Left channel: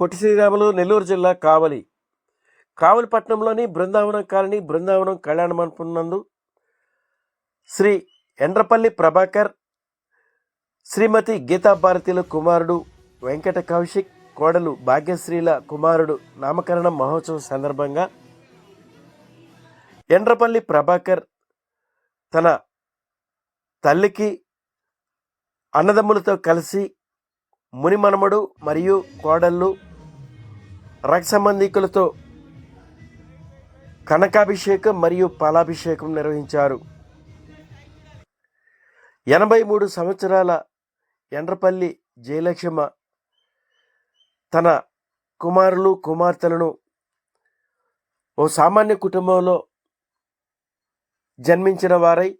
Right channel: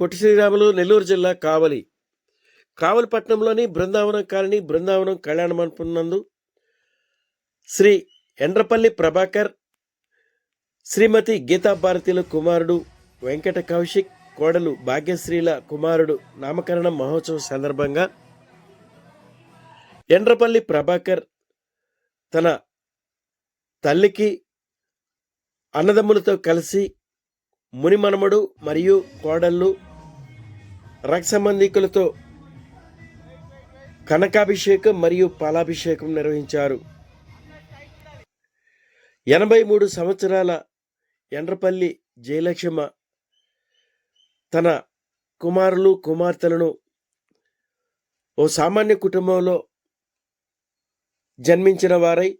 పొట్టి శ్రీరాములు నెల్లూరు జిల్లా కావలి. కావలి పట్టణంలోని బృందావనం కాలనీ బృందావనం కళ్యాణ మండపం నందు శ్రీ ఎండ్రపల్లి ప్రభాకర్ శ్రీమతి గీతా భారతిల కుమారుడు వెంకట కౌశిక్ కోడలు భాగ్యశ్రీల కుమారుడు నామకరణ మహోత్సవం సందర్భంగా ఎండ్రపల్లి ప్రభాకర్ తన తల్లికి అన్నదమ్ములతో కలిసి మునిమనమడు మరియు కోడళ్ళు రక్త సంబంధికులతో కనకాభిషేకం మరియు పాలాభిషేకం నిర్వహించారు. ఎనభై మూడు సంవత్సరాల ఎండ్రపల్లి జయలక్ష్మ తన కుమారులు కుమార్తెలను ఓ సామాన్య కుటుంబంలో జన్మించిన వారై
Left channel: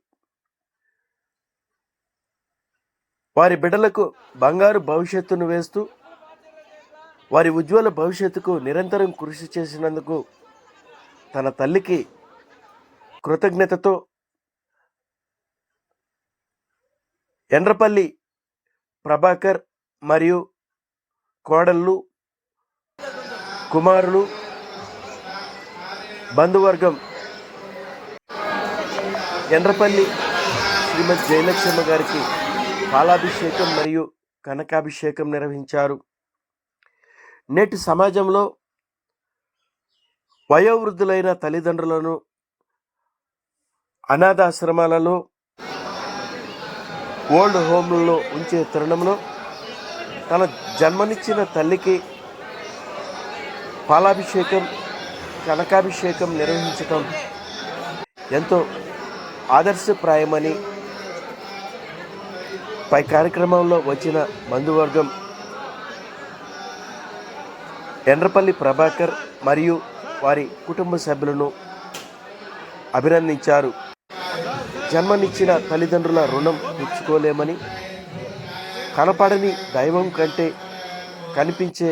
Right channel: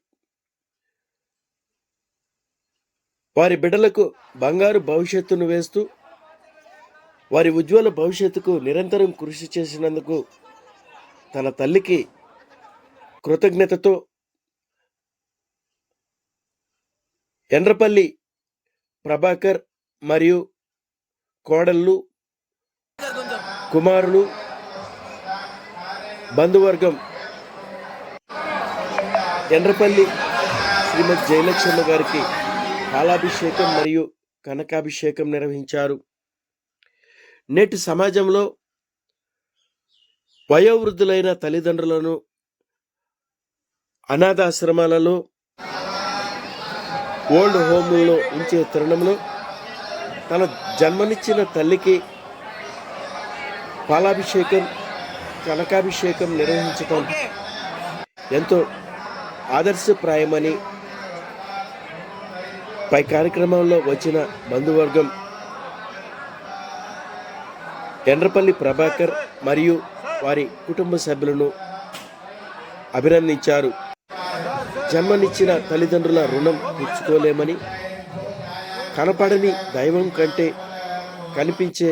వారి బిడ్డలకు బంగారు భవిష్యత్తును వేస్తూ వారి ఉజ్వల భవిష్యత్తుకు నిరంతరం కృషి చేసినందుకు తన తల్లికి కృతజ్ఞతతో ఎండ్రపల్లి ప్రభాకర్ మరియు కోడళ్ళు కుమారులు బంధువర్గం ఎండ్రపల్లి శ్రీమతి జయలక్ష్మ గారికి పాలాభిషేకం మరియు కనకాభిషేకం నిర్వహించారు. నేటి సమాజంలో వయోవృద్ధులైన తల్లిదండ్రులను అనాథాశ్రమాలలో ఓల్డ్ హోమ్లలో ఉంచే తరుణంలో తన జన్మనిచ్చిన తల్లికి పాలాభిషేకం కనకాభిషేకం నిర్వహించటం ఎంతో ఆదర్శప్రాయమని పై కార్యక్రమంలో వచ్చిన బంధువర్గం ఎండ్రపల్లి ప్రభాకర్ మరియు వారి కుటుంబ సభ్యులను అభినందించారు. జన్మనిచ్చిన తల్లిదండ్రుల రుణం తెచ్చుకోలేమని కనపడని దైవం కంటే కనిపించే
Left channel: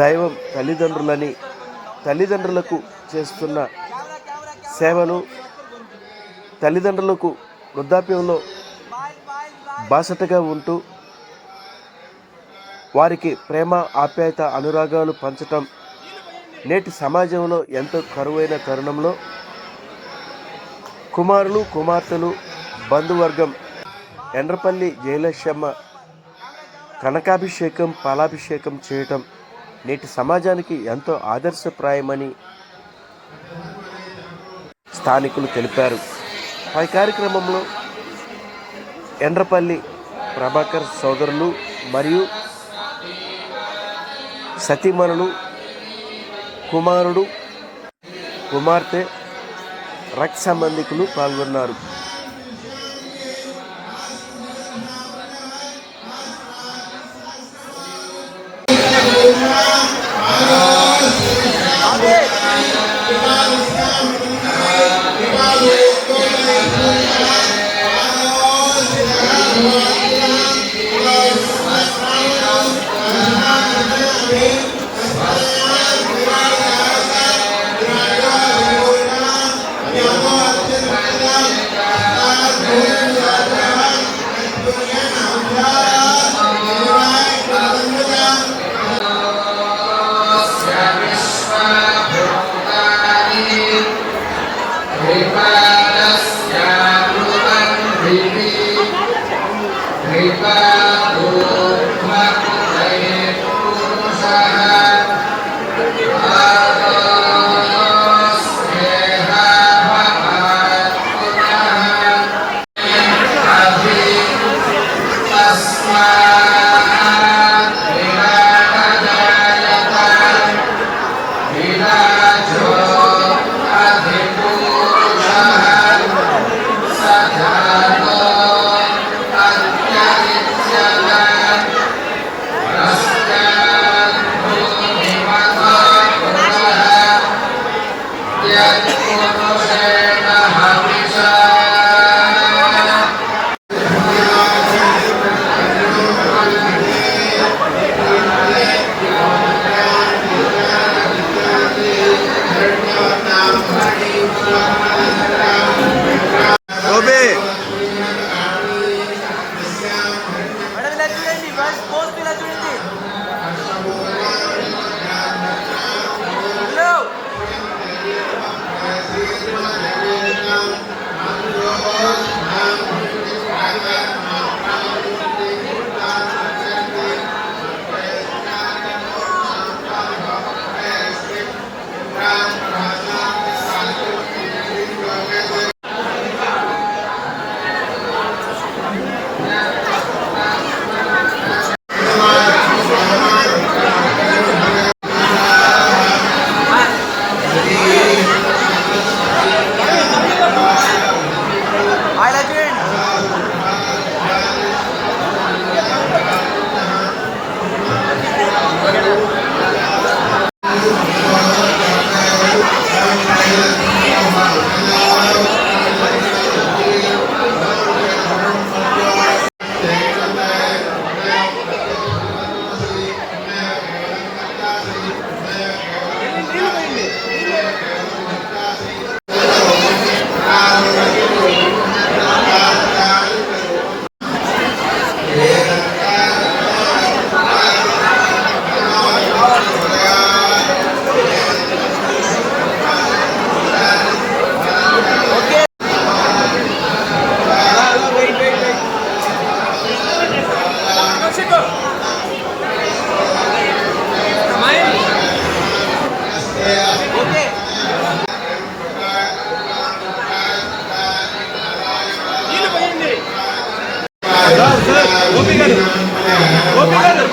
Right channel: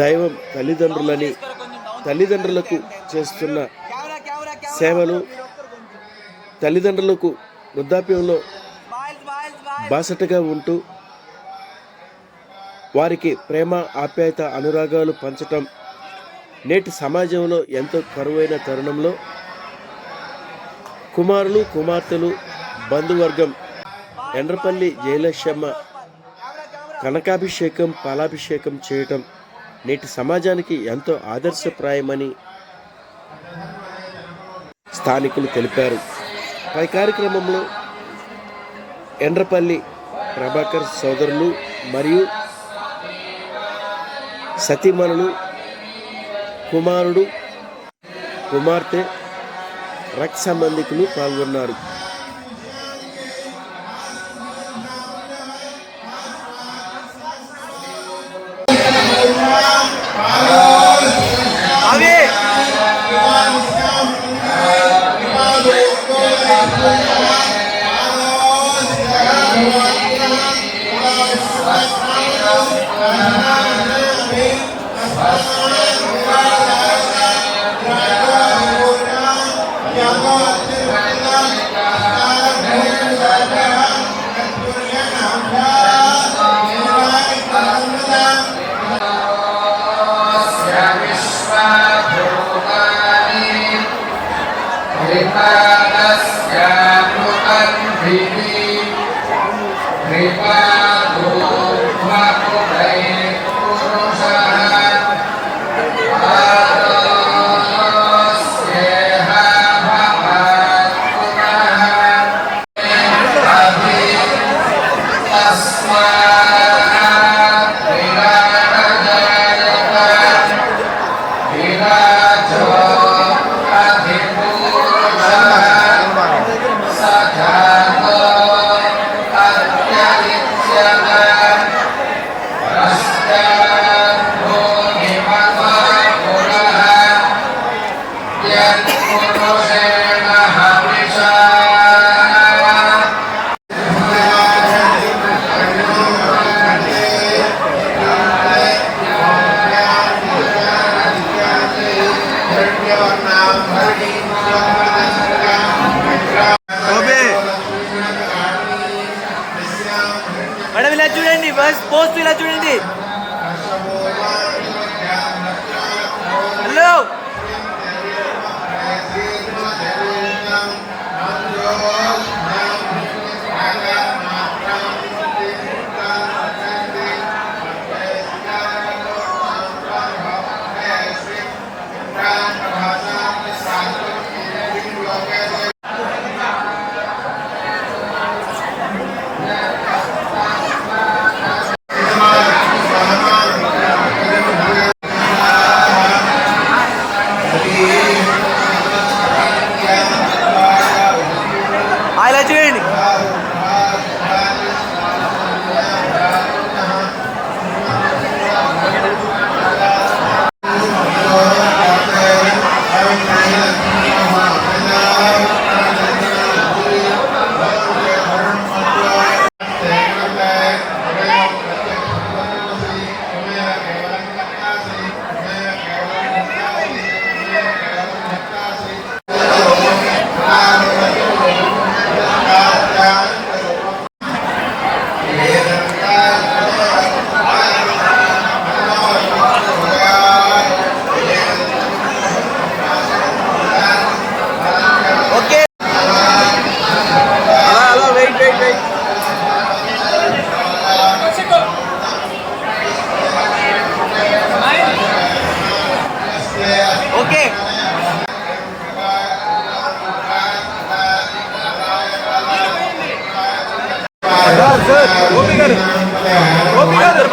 దైవం తల్లిదండ్రులని తల్లిదండ్రులకు చేస్తున్న సేవలు తల్లిదండ్రులకు వృద్ధాప్యంలో బాసటగా ఉంటూ వారికి ప్రేమ ఆప్యాయత అనురాగాలు పంచటం నేటి సమాజంలో ఎంతో కరువైన తరుణంలో కుమారులు కుమార్తెలు బంధువర్గం ఎండ్రపల్లి జయలక్ష్మ కనకాభిషేకం పాలాభిషేకం చేయటం నేటి సమాజానికి ఎంతో ఆదర్శప్రాయమని స్థానికులు తెలిపారు. పై కార్యక్రమంలో ఎండ్రపల్లి ప్రభాకర్ సోదరులు మరియు సతీమణులు కుమారుడు కుమార్తె రక్ సంబంధికులు పాల్గొన్నారు. Amen. సార్ గోపి గారు గోపి గారు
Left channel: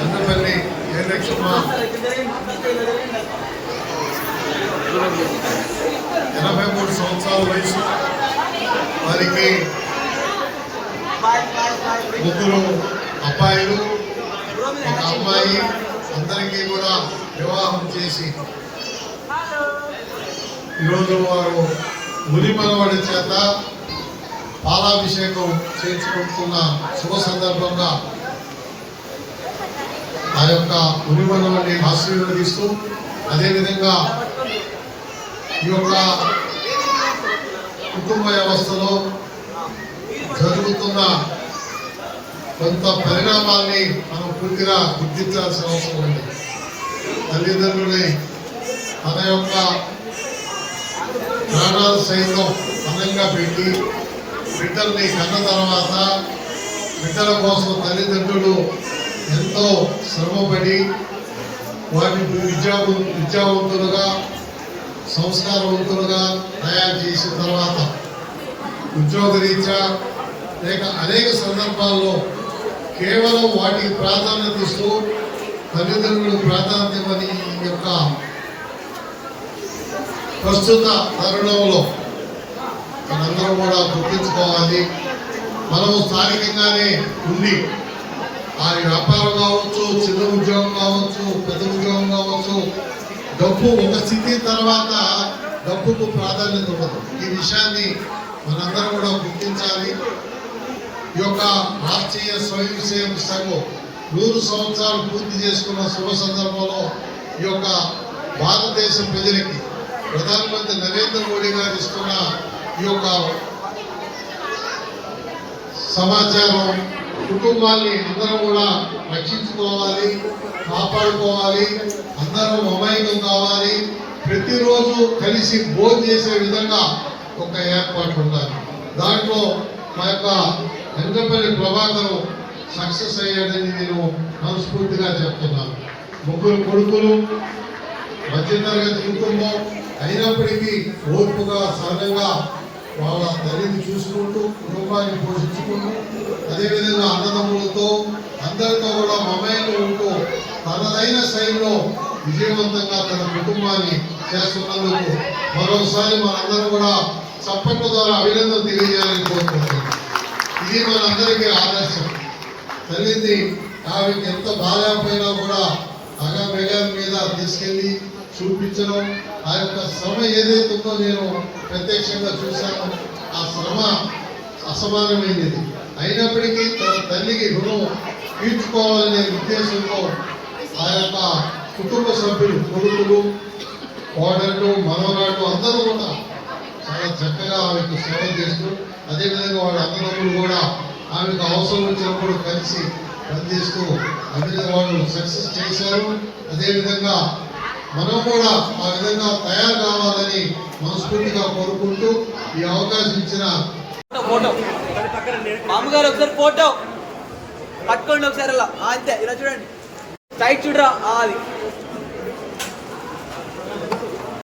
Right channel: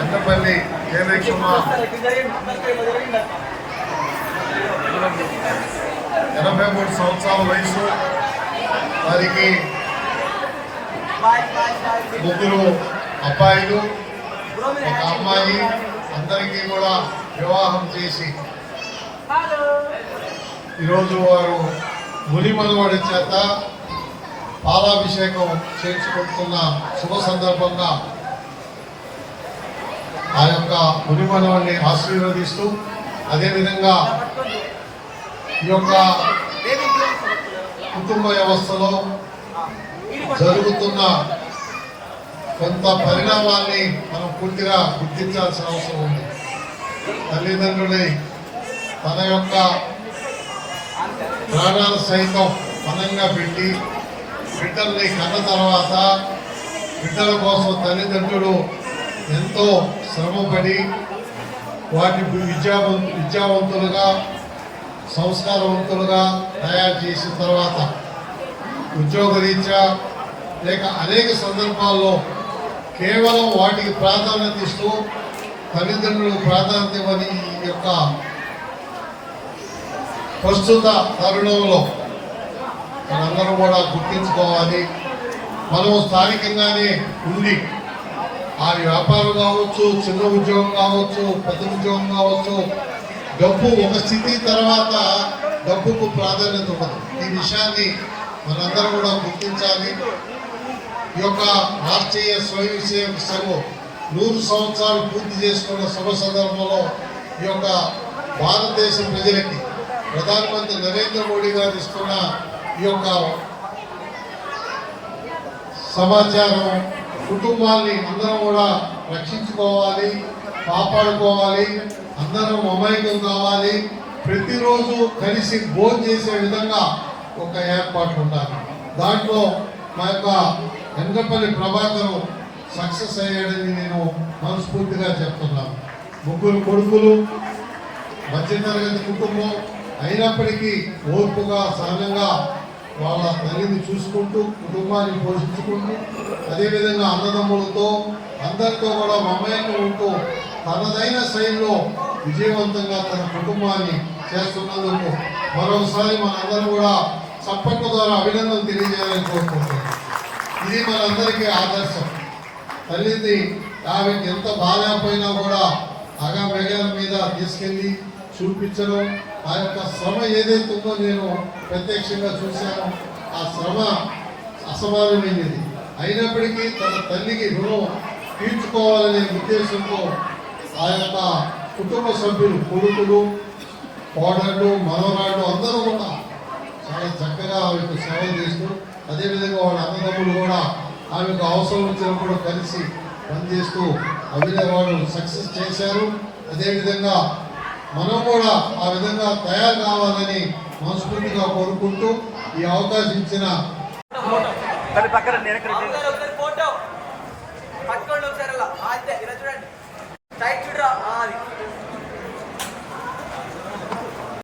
ఎంతపల్లి జయలక్ష్మ ఎనభై మూడు సంవత్సరాల వయసు. వారికి ముగ్గురు అబ్బాయిలు ఒక అమ్మాయి. అందరికీ కూడా వివాహం చేసి ఈరోజు వారు ముని మనవడి చేత పాలాభిషేకం చేయించుకుంటున్న శుభ సందర్భంగా ఆ యొక్క మునిమనవాన్ని ఆశీర్వదిస్తూ అదేవిధంగా ఈ యొక్క కుటుంబ వ్యవస్థలో జరుగుతున్న కొంత పరిణామాల్ని మనం పూర్తిగా గుర్తించాల్సిన అవసరం ఉంది. తల్లిదండ్రులని తన యొక్క ప్రాణాలు సైతం మనంగా పెట్టి బిడ్డల్ని కన్న తర్వాత బిడ్డల కోసం తల్లిదండ్రులు ఎంతో శ్రమపడి వారిని విద్యా విద్యావంతులుగా సంస్కారవంతులుగా తయారు చేసిన తర్వాత ఉద్యోగరీత్యా లేక అనేక సందర్భాల్లో కేవలం వాటికి ప్రాధాన్యత ఇస్తూ తల్లిదండ్రులు ప్రాధాన్యమని ఈ యొక్క ప్రస్తుత తరుణంలో మనందరూ కూడా గుర్తించుకోవాలి. మనం స్థానికంగానే ఉండి ఆ వ్యాపారం కావచ్చు చిన్న ఉద్యోగం కావచ్చు పెద్ద ఉద్యోగం కావచ్చు డబ్బు ఒక స్థితి తర్వాత డబ్బుకు ప్రాధాన్యత ఉండదు. ఈ విషయాన్ని మనందరూ కూడా గుర్తించాలి. ఈ యొక్క రాష్ట్రీయ స్వయం సేవక సంఘం నూరు సంవత్సరాలు పూర్తి చేసుకున్న శుభ సందర్భంలో ఈ యొక్క భారతదేశ ప్రజలకి ప్రధానమంత్రి నరేంద్ర మోడీ గారు ఇస్తున్న ఈ యొక్క సమాచారం కుటుంబాన్ని అందరం కూడా రక్షించుకోవాలి కాపాడుకోవాలి అందరం అమాయకం కావాలి. ప్రతిరోజు కలిసి భోజనం చేసే విధంగా ఒక ఏర్పాటు ఉండాలి. దాంట్లో మా యొక్క ఎంగపల్లి ప్రభాకరం సక్సెస్ అయ్యాడని నేను మనస్ఫూర్తిగా చెప్తున్నాను. ముగ్గురు కొడుకులు మధ్యతరగతి కుటుంబం అయినప్పటికీ ఓర్పుగా సహనంగా వాళ్ళ తల్లిని చూసుకుంటూ కుటుంబాన్ని పోషించుకుంటూ అదేవిధంగా అన్నదమ్ములతో అందరితో కూడా మమయంగా ఉంటూ తనదైన శైలిలో విజయవంతంగా తన కుటుంబాన్ని చేస్తున్నందుకు మరోసారి మనందరం కూడా చప్పట్ల ద్వారా అభినందన తెలియజేయాలని కోరుకుంటున్నాను ఇది మనందరికీ ఆదర్శం. తల్లిది ఆమెకి ఎంత బాధపోయినా కూడా అగా మేఘాల మీద తీసుకెళ్ళి చూపించడం ఆ యొక్క శ్రమ ఏదైతే ఉందో నేను ప్రత్యక్షంగా చూశాను ఆ శ్రమ అసమానమైనది. అయినప్పటికీ తన తల్లికి రుణం తీర్చుకోవాలనే ఉద్దేశంతో ఆ యొక్క కుటుంబ సభ్యులు కొడుకులు కోడళ్ళు మనవరాళ్ళు అందరూ కూడా చాలా చక్కగా ఆమెకు సేవ చేస్తూ అదేవిధంగా వాళ్ళ అన్నదమ్ములు కూడా ఆమెకు అవసరం వచ్చినప్పుడు కలిసి పనిచేస్తూ అదే వాళ్ళు సక్సెస్ చేశారు. అదేవిధంగా మనం కూడా ఆ విధంగా తయారు కావాలని మనస్ఫూర్తిగా కోరుకుంటూ ఈ అవకాశం ఇచ్చిన ఫోటో పట్టుకోండి ఒకసారి అలా. అంతే. ఇలా చూడండి. సైడ్ చూడరా? అది.